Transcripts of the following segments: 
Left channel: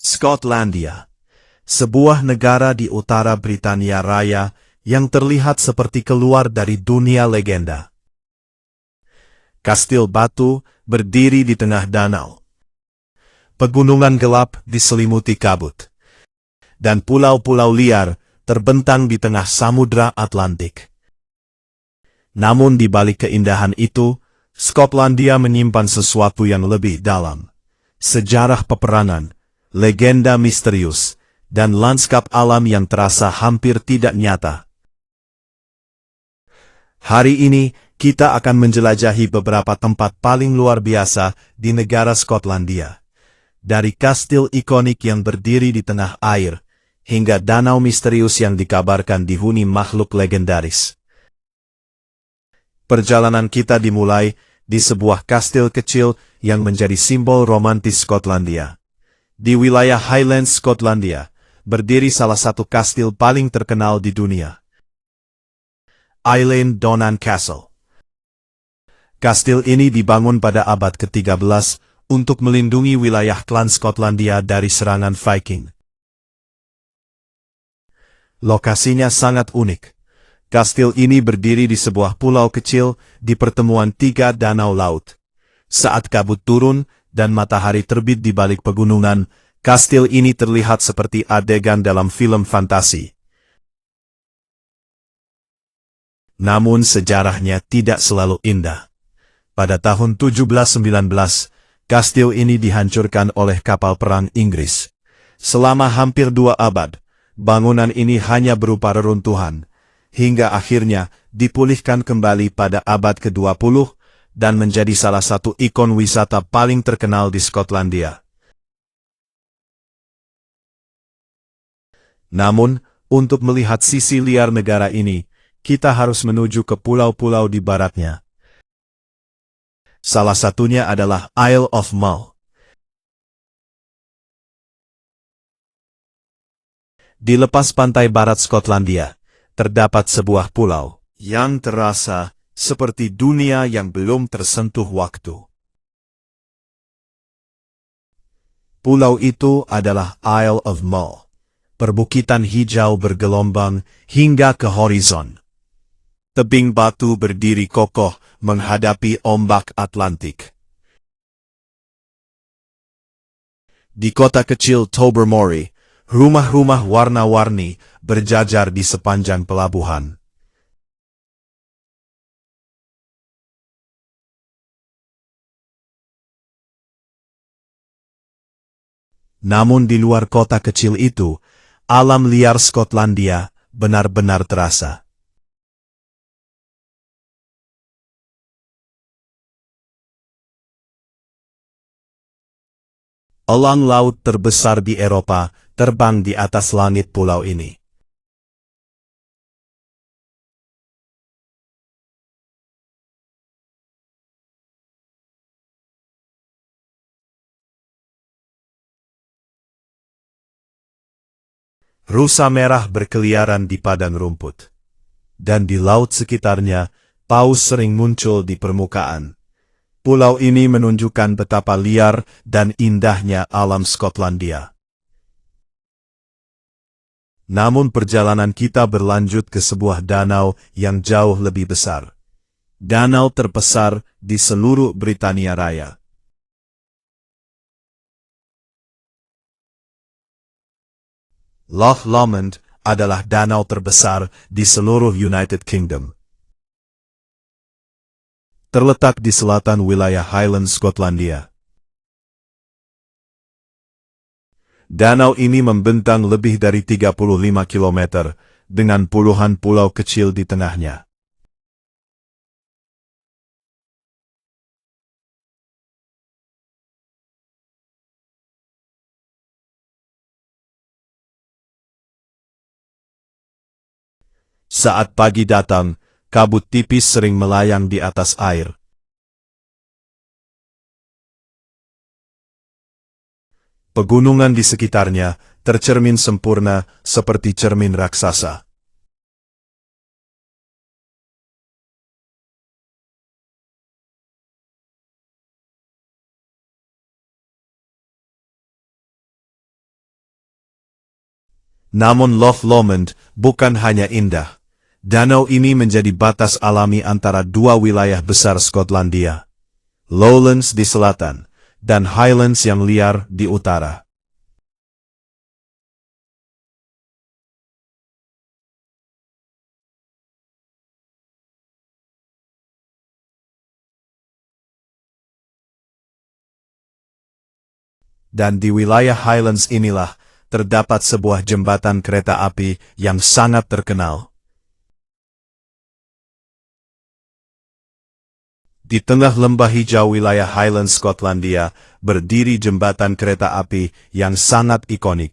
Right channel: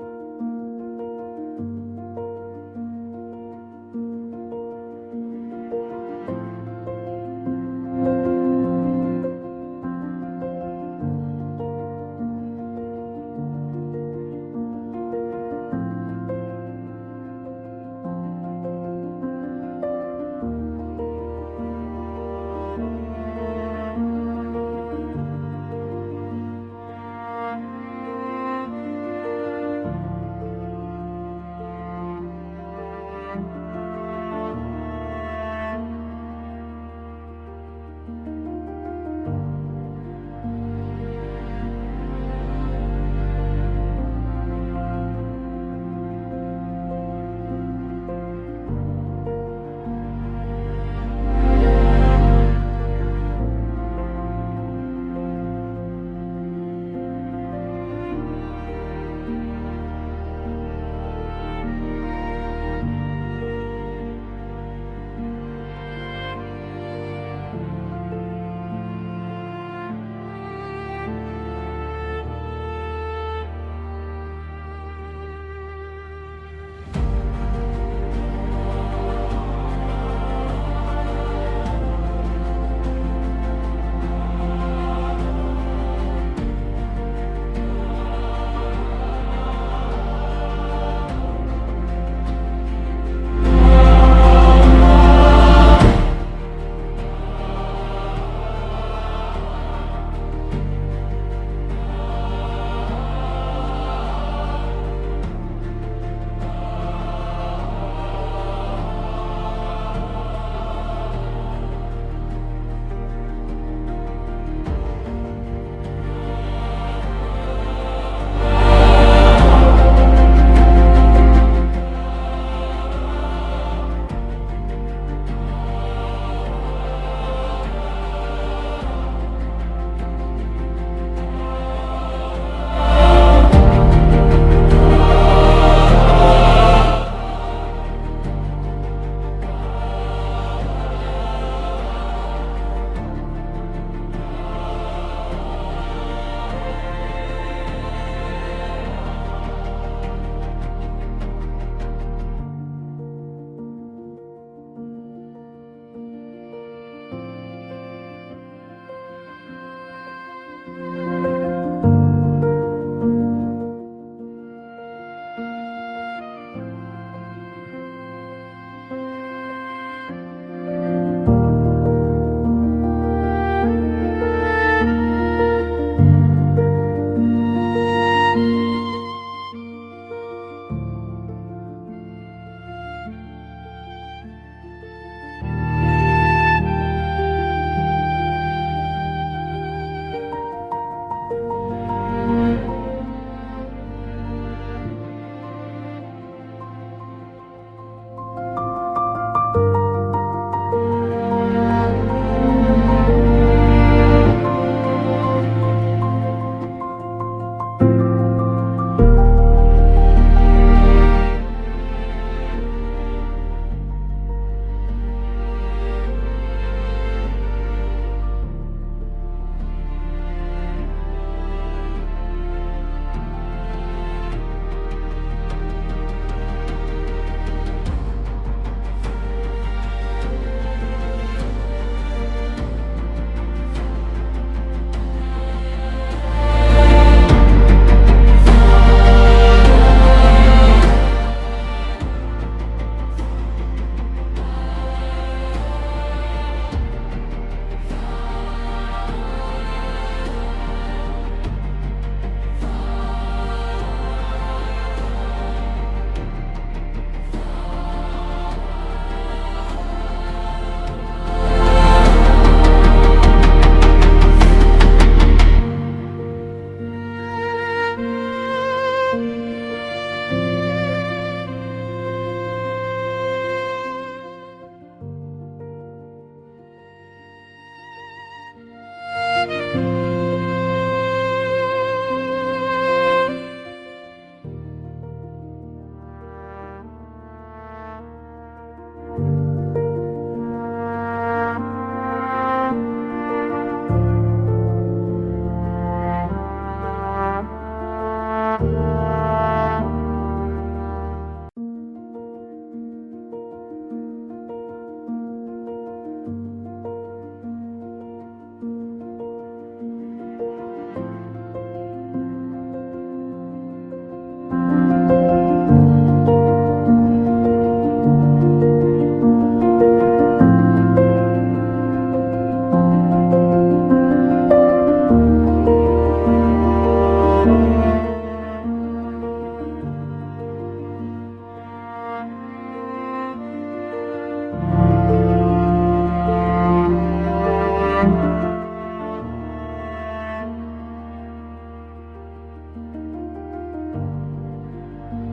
Skotlandia, sebuah negara di utara Britania Raya yang terlihat seperti keluar dari dunia legenda. Kastil batu berdiri di tengah danau. Pegunungan gelap diselimuti kabut. Dan pulau-pulau liar terbentang di tengah Samudra Atlantik. Namun di balik keindahan itu, Skotlandia menyimpan sesuatu yang lebih dalam. Sejarah peperangan, legenda misterius, dan lanskap alam yang terasa hampir tidak nyata. Hari ini, kita akan menjelajahi beberapa tempat paling luar biasa di negara Skotlandia. Dari kastil ikonik yang berdiri di tengah air, hingga danau misterius yang dikabarkan dihuni makhluk legendaris. Perjalanan kita dimulai di sebuah kastil kecil yang menjadi simbol romantis Skotlandia. Di wilayah Highlands Skotlandia, berdiri salah satu kastil paling terkenal di dunia. Eilean Donan Castle. Kastil ini dibangun pada abad ke-13 untuk melindungi wilayah klan Skotlandia dari serangan Viking. Lokasinya sangat unik. Kastil ini berdiri di sebuah pulau kecil di pertemuan tiga danau laut. Saat kabut turun dan matahari terbit di balik pegunungan, kastil ini terlihat seperti adegan dalam film fantasi. Namun sejarahnya tidak selalu indah. Pada tahun 1719, kastil ini dihancurkan oleh kapal perang Inggris. Selama hampir 2 abad, bangunan ini hanya berupa reruntuhan, hingga akhirnya dipulihkan kembali pada abad ke-20 dan menjadi salah satu ikon wisata paling terkenal di Skotlandia. Namun, untuk melihat sisi liar negara ini, kita harus menuju ke pulau-pulau di baratnya. Salah satunya adalah Isle of Mull. Di lepas pantai barat Skotlandia, terdapat sebuah pulau yang terasa seperti dunia yang belum tersentuh waktu. Pulau itu adalah Isle of Mull, perbukitan hijau bergelombang hingga ke horizon. Tebing batu berdiri kokoh menghadapi ombak Atlantik. Di kota kecil Tobermory, rumah-rumah warna-warni berjajar di sepanjang pelabuhan. Namun di luar kota kecil itu, alam liar Skotlandia benar-benar terasa. Elang laut terbesar di Eropa terbang di atas langit pulau ini. Rusa merah berkeliaran di padang rumput. Dan di laut sekitarnya, paus sering muncul di permukaan. Pulau ini menunjukkan betapa liar dan indahnya alam Skotlandia. Namun perjalanan kita berlanjut ke sebuah danau yang jauh lebih besar. Danau terbesar di seluruh Britania Raya. Loch Lomond adalah danau terbesar di seluruh United Kingdom. Terletak di selatan wilayah Highlands Skotlandia. Danau ini membentang lebih dari 35 km, dengan puluhan pulau kecil di tengahnya. Saat pagi datang, kabut tipis sering melayang di atas air. Pegunungan di sekitarnya tercermin sempurna seperti cermin raksasa. Namun Loch Lomond bukan hanya indah. Danau ini menjadi batas alami antara dua wilayah besar Skotlandia. Lowlands di selatan, dan Highlands yang liar di utara. Dan di wilayah Highlands inilah terdapat sebuah jembatan kereta api yang sangat terkenal. Di tengah lembah hijau wilayah Highlands Skotlandia berdiri jembatan kereta api yang sangat ikonik.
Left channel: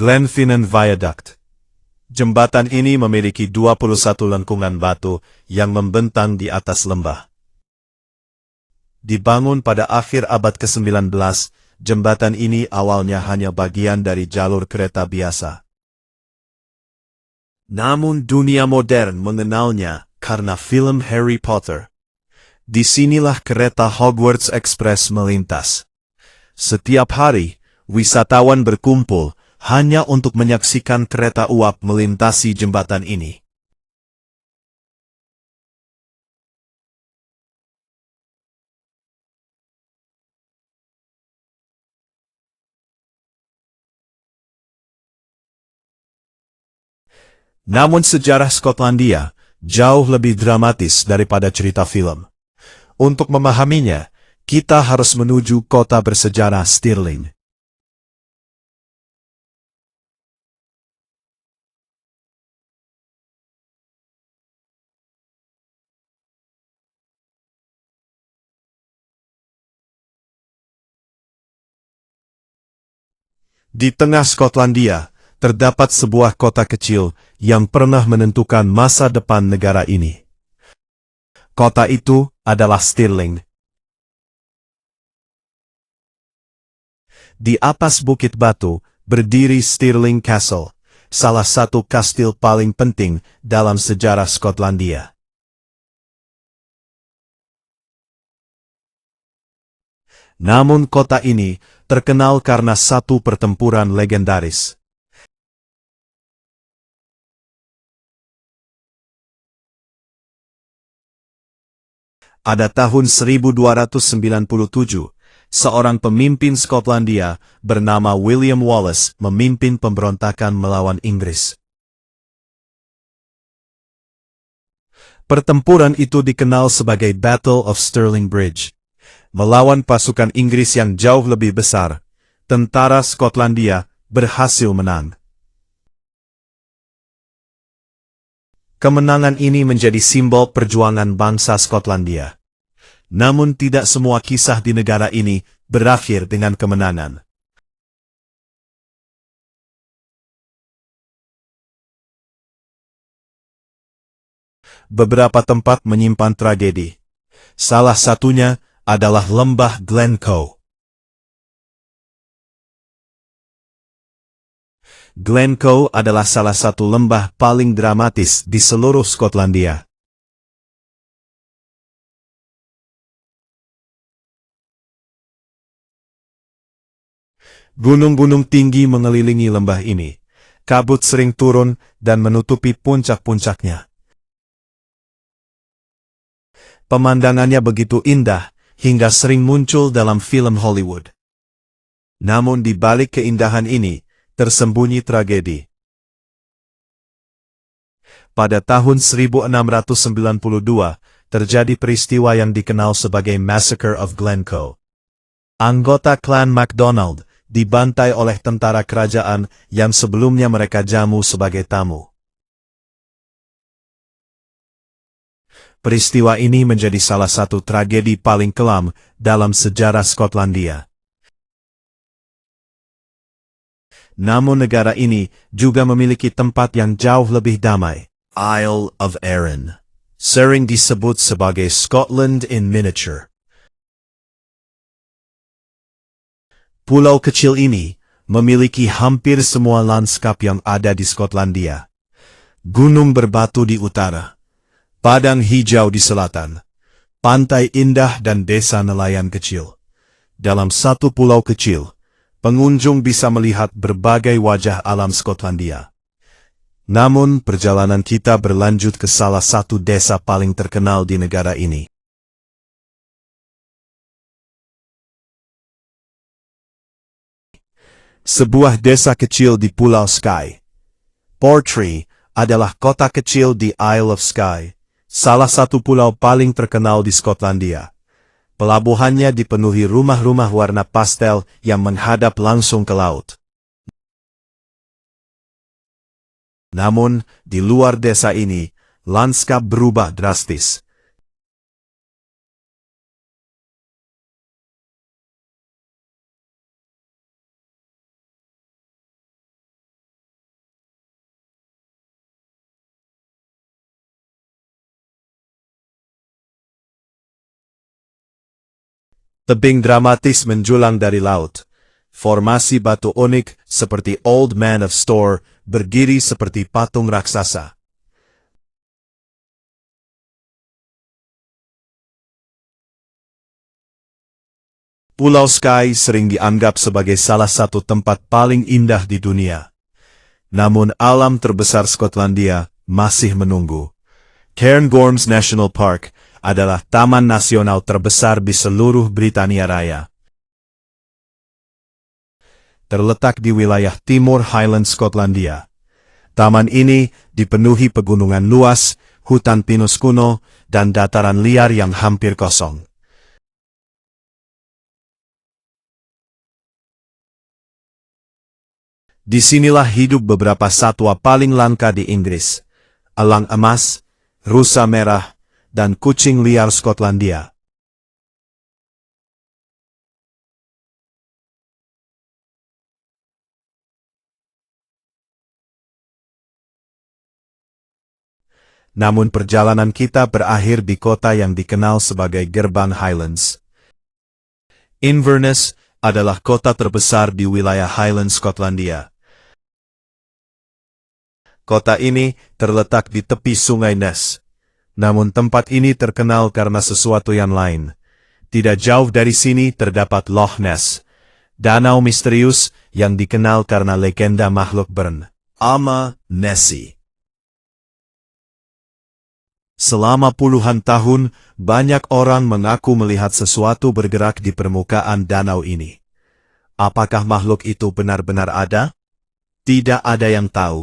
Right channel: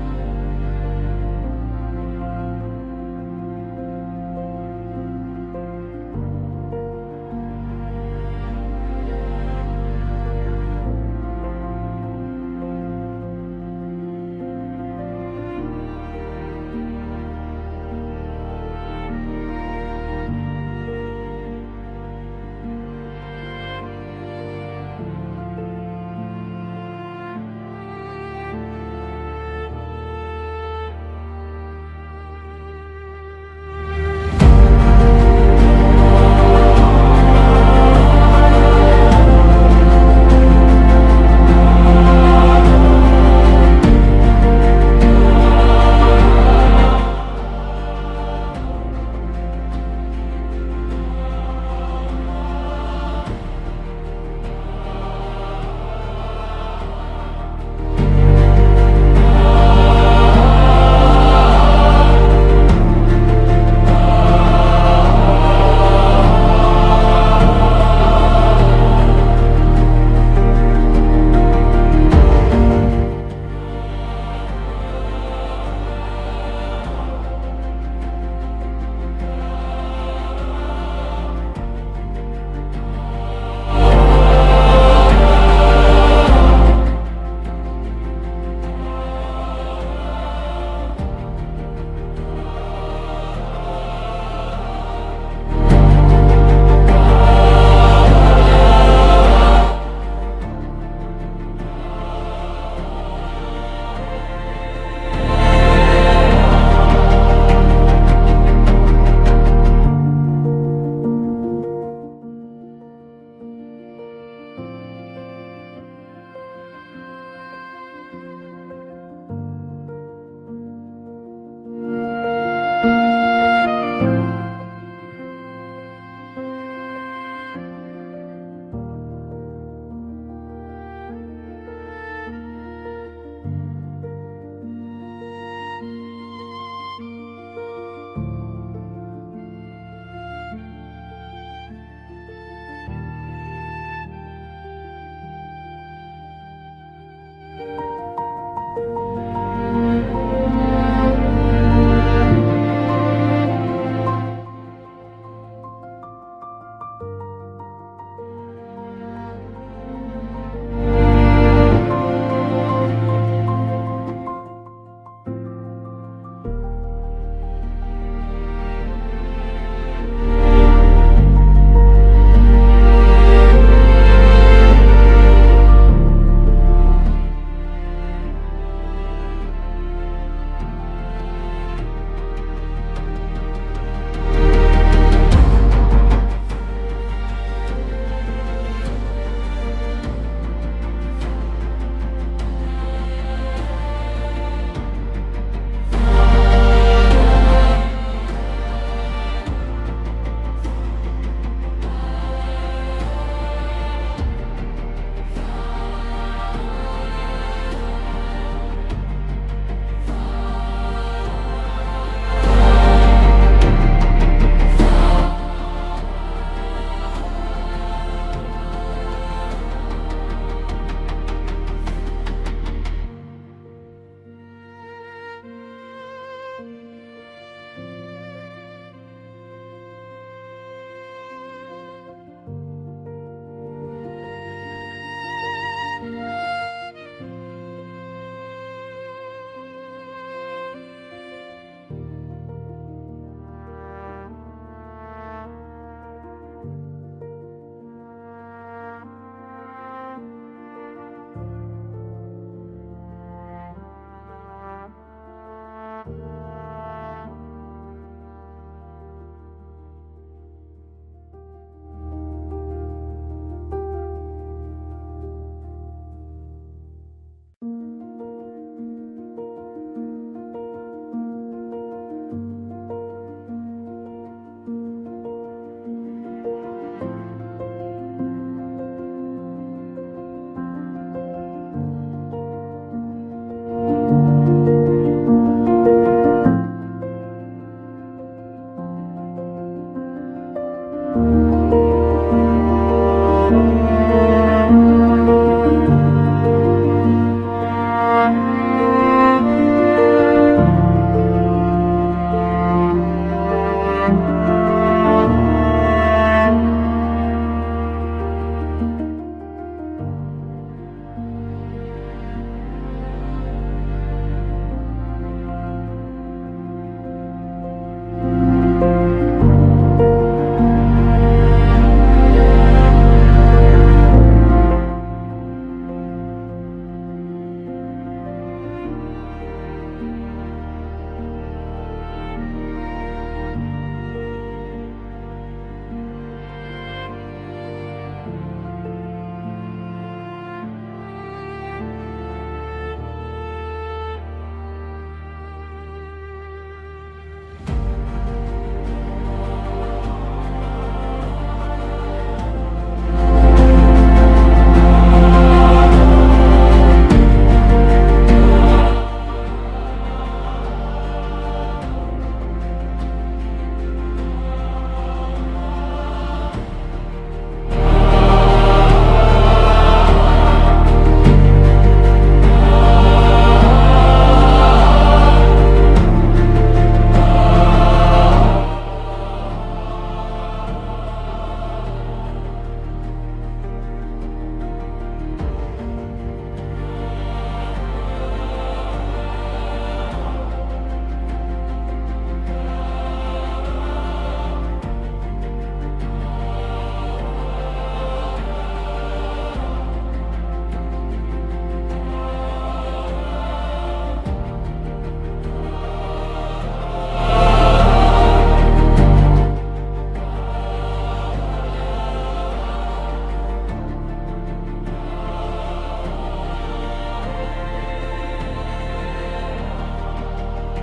Glenfinnan Viaduct. Jembatan ini memiliki 21 lengkungan batu yang membentang di atas lembah. Dibangun pada akhir abad ke-19, jembatan ini awalnya hanya bagian dari jalur kereta biasa. Namun dunia modern mengenalnya karena film Harry Potter. Disinilah kereta Hogwarts Express melintas. Setiap hari, wisatawan berkumpul hanya untuk menyaksikan kereta uap melintasi jembatan ini. Namun sejarah Skotlandia jauh lebih dramatis daripada cerita film. Untuk memahaminya, kita harus menuju kota bersejarah Stirling. Di tengah Skotlandia, terdapat sebuah kota kecil yang pernah menentukan masa depan negara ini. Kota itu adalah Stirling. Di atas bukit batu, berdiri Stirling Castle, salah satu kastil paling penting dalam sejarah Skotlandia. Namun kota ini terkenal karena satu pertempuran legendaris. Pada tahun 1297, seorang pemimpin Skotlandia bernama William Wallace memimpin pemberontakan melawan Inggris. Pertempuran itu dikenal sebagai Battle of Stirling Bridge. Melawan pasukan Inggris yang jauh lebih besar, tentara Skotlandia berhasil menang. Kemenangan ini menjadi simbol perjuangan bangsa Skotlandia. Namun tidak semua kisah di negara ini berakhir dengan kemenangan. Beberapa tempat menyimpan tragedi. Salah satunya adalah lembah Glencoe. Glencoe adalah salah satu lembah paling dramatis di seluruh Skotlandia. Gunung-gunung tinggi mengelilingi lembah ini. Kabut sering turun dan menutupi puncak-puncaknya. Pemandangannya begitu indah hingga sering muncul dalam film Hollywood. Namun di balik keindahan ini tersembunyi tragedi. Pada tahun 1692, terjadi peristiwa yang dikenal sebagai Massacre of Glencoe. Anggota klan MacDonald dibantai oleh tentara kerajaan yang sebelumnya mereka jamu sebagai tamu. Peristiwa ini menjadi salah satu tragedi paling kelam dalam sejarah Skotlandia. Namun negara ini juga memiliki tempat yang jauh lebih damai, Isle of Arran, sering disebut sebagai Scotland in miniature. Pulau kecil ini memiliki hampir semua lanskap yang ada di Skotlandia. Gunung berbatu di utara, padang hijau di selatan, pantai indah dan desa nelayan kecil. Dalam satu pulau kecil, pengunjung bisa melihat berbagai wajah alam Skotlandia. Namun, perjalanan kita berlanjut ke salah satu desa paling terkenal di negara ini. Sebuah desa kecil di Pulau Skye. Portree adalah kota kecil di Isle of Skye, salah satu pulau paling terkenal di Skotlandia. Pelabuhannya dipenuhi rumah-rumah warna pastel yang menghadap langsung ke laut. Namun, di luar desa ini, lanskap berubah drastis. Tebing dramatis menjulang dari laut. Formasi batu unik seperti Old Man of Storr berdiri seperti patung raksasa. Pulau Skye sering dianggap sebagai salah satu tempat paling indah di dunia. Namun alam terbesar Skotlandia masih menunggu. Cairngorms National Park adalah taman nasional terbesar di seluruh Britania Raya. Terletak di wilayah timur Highlands Skotlandia. Taman ini dipenuhi pegunungan luas, hutan pinus kuno, dan dataran liar yang hampir kosong. Disinilah hidup beberapa satwa paling langka di Inggris: elang emas, rusa merah, dan kucing liar Skotlandia. Namun perjalanan kita berakhir di kota yang dikenal sebagai Gerbang Highlands. Inverness adalah kota terbesar di wilayah Highlands Skotlandia. Kota ini terletak di tepi Sungai Ness. Namun tempat ini terkenal karena sesuatu yang lain. Tidak jauh dari sini terdapat Loch Ness, danau misterius yang dikenal karena legenda makhluk bernama Nessie. Selama puluhan tahun, banyak orang mengaku melihat sesuatu bergerak di permukaan danau ini. Apakah makhluk itu benar-benar ada? Tidak ada yang tahu.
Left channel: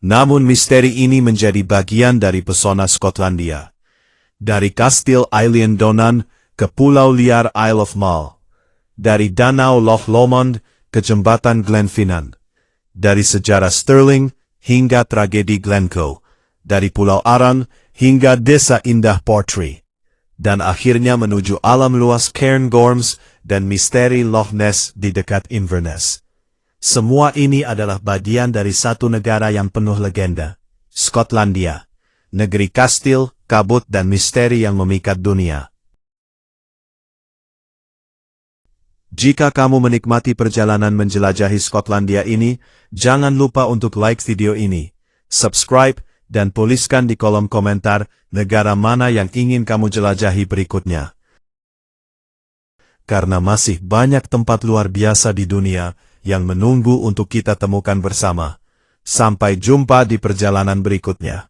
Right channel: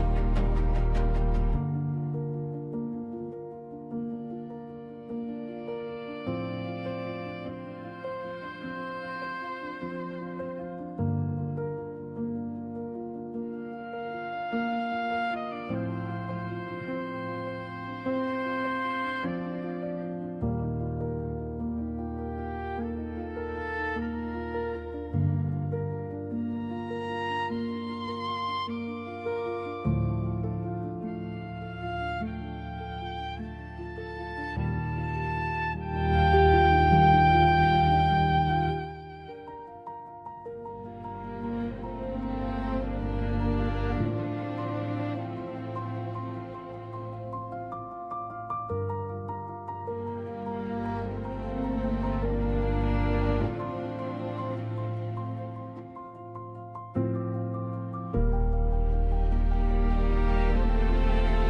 Namun misteri ini menjadi bagian dari pesona Skotlandia. Dari Kastil Eilean Donan ke pulau liar Isle of Mull. Dari danau Loch Lomond ke jembatan Glenfinnan. Dari sejarah Stirling hingga tragedi Glencoe. Dari Pulau Arran hingga desa indah Portree. Dan akhirnya menuju alam luas Cairngorms dan misteri Loch Ness di dekat Inverness. Semua ini adalah bagian dari satu negara yang penuh legenda, Skotlandia, negeri kastil, kabut dan misteri yang memikat dunia. Jika kamu menikmati perjalanan menjelajahi Skotlandia ini, jangan lupa untuk like video ini, subscribe, dan tuliskan di kolom komentar negara mana yang ingin kamu jelajahi berikutnya. Karena masih banyak tempat luar biasa di dunia yang menunggu untuk kita temukan bersama. Sampai jumpa di perjalanan berikutnya.